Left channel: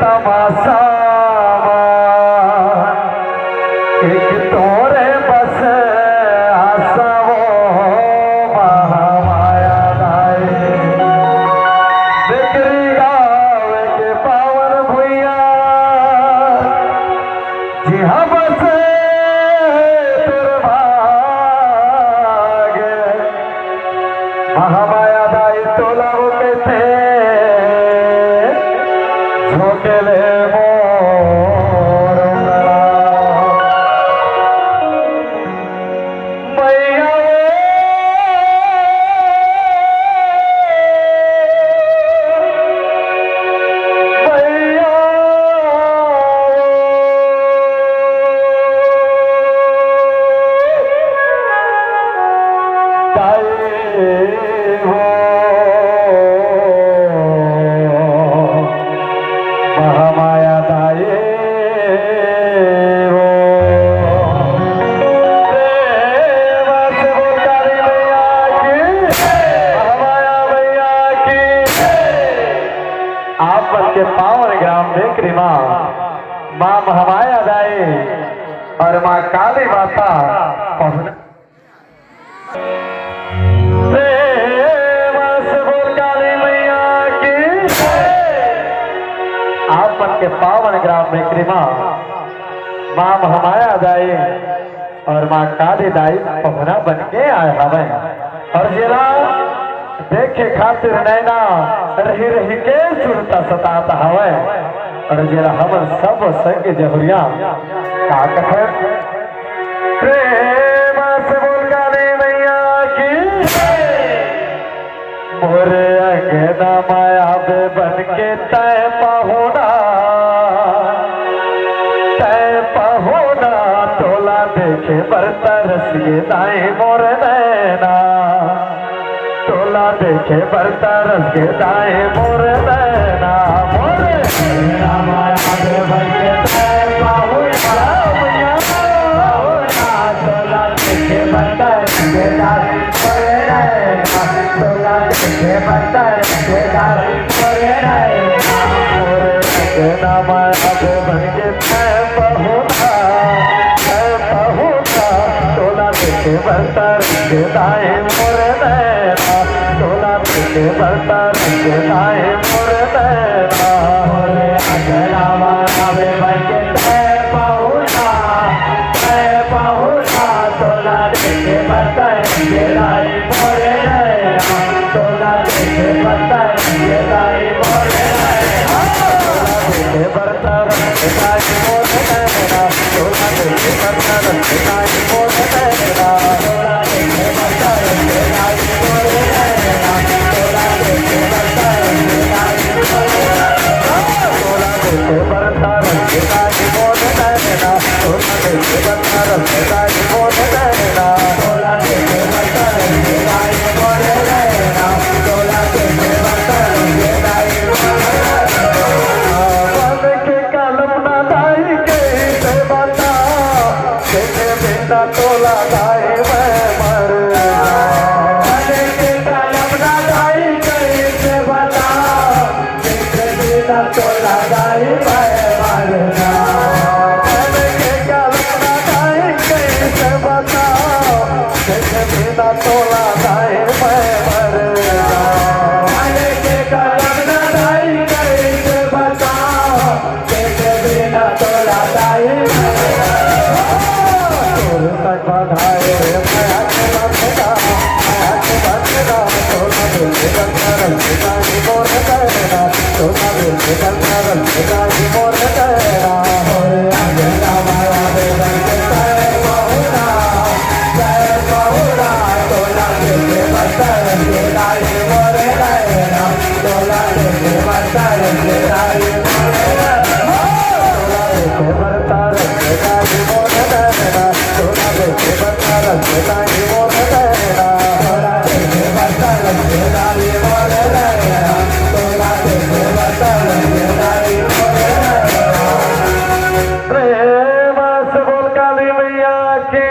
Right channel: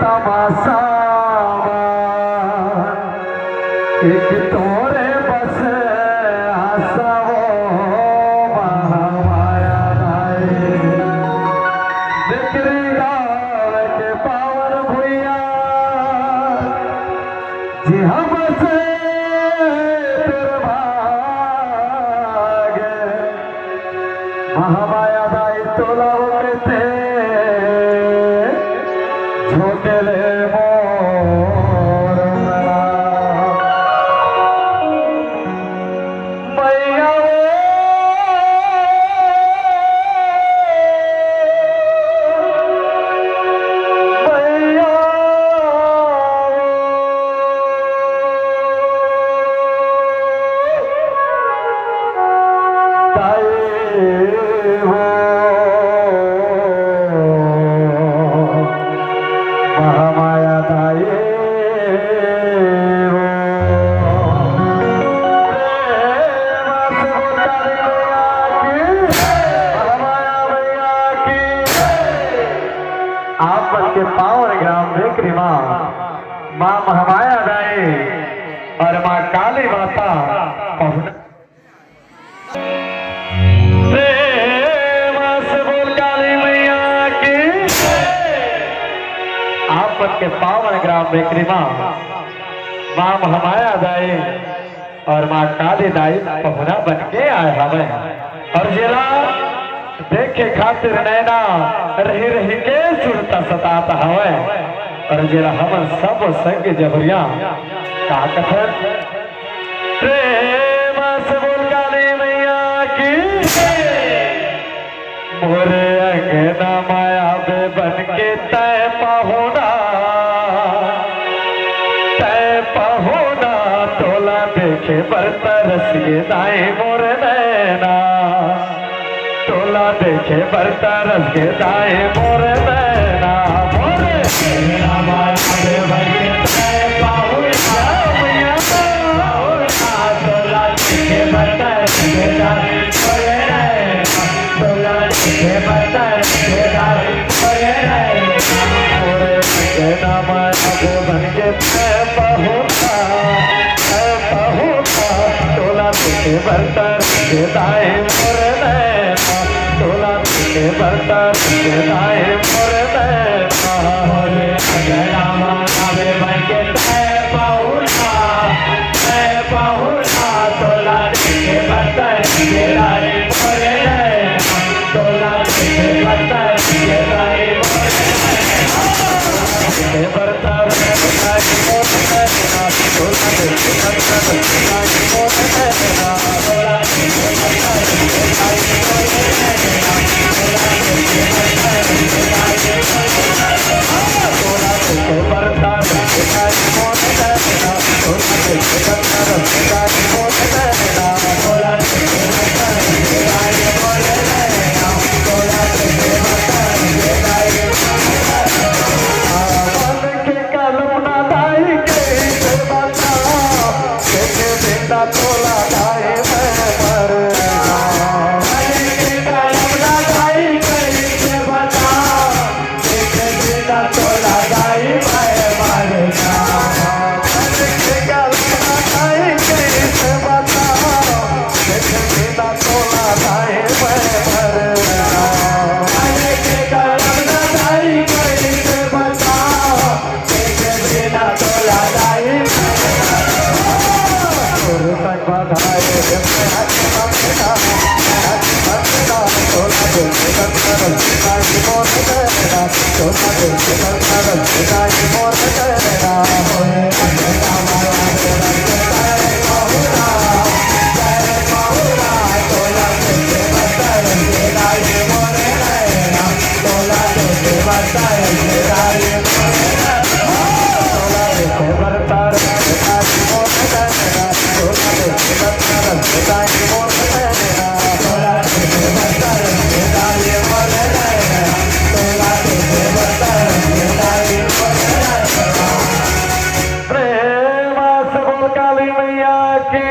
तमाशा एक तोरे बस आशा वो महामाया दाए बिक्री गाँव के पावन भुइया जी हाँ बस महामाया दाई तोला होते थे झोंकेले मोर मैया महामाया दाए आप के पावन ग्राम बेकरी माँ महामाया दाए और माँ काली माता पहुंच के पावन ग्राम बेकरी माँ महामाया दाई और माँ काली दाई पहुना बन के आए हमें और जिला देखे खातिर नैना रही रही के सुनता सताता हवे और जिला हमन सब संग जहुरिया का कथन प्रेम से बोल काली मैया की मोरे अंगना माया बे बन के तय पहुना बरता रसिए दाई मोर नैना तोला देखे बरता रसिए दाई मोर नैना मोर माया बे बन के तय पहुना तोला देखे बरता रसिए दाई मोर नैना तोला देखे बरता रसिए दाई मोर नैना माया बे बन के तय पहुना बरता दाए मोर नैना तोला तुझे बरता दाए मोर नैना अगला माता बे बन के तय पहुना तोला तुझे बरता दाए मोर नैना तोला तुझे बरता दाए मोर नैना तुझे बरता दाए मोर नैना तोला तुझे बरता दाए मोर नैना प्रेम से बोल काली मैया की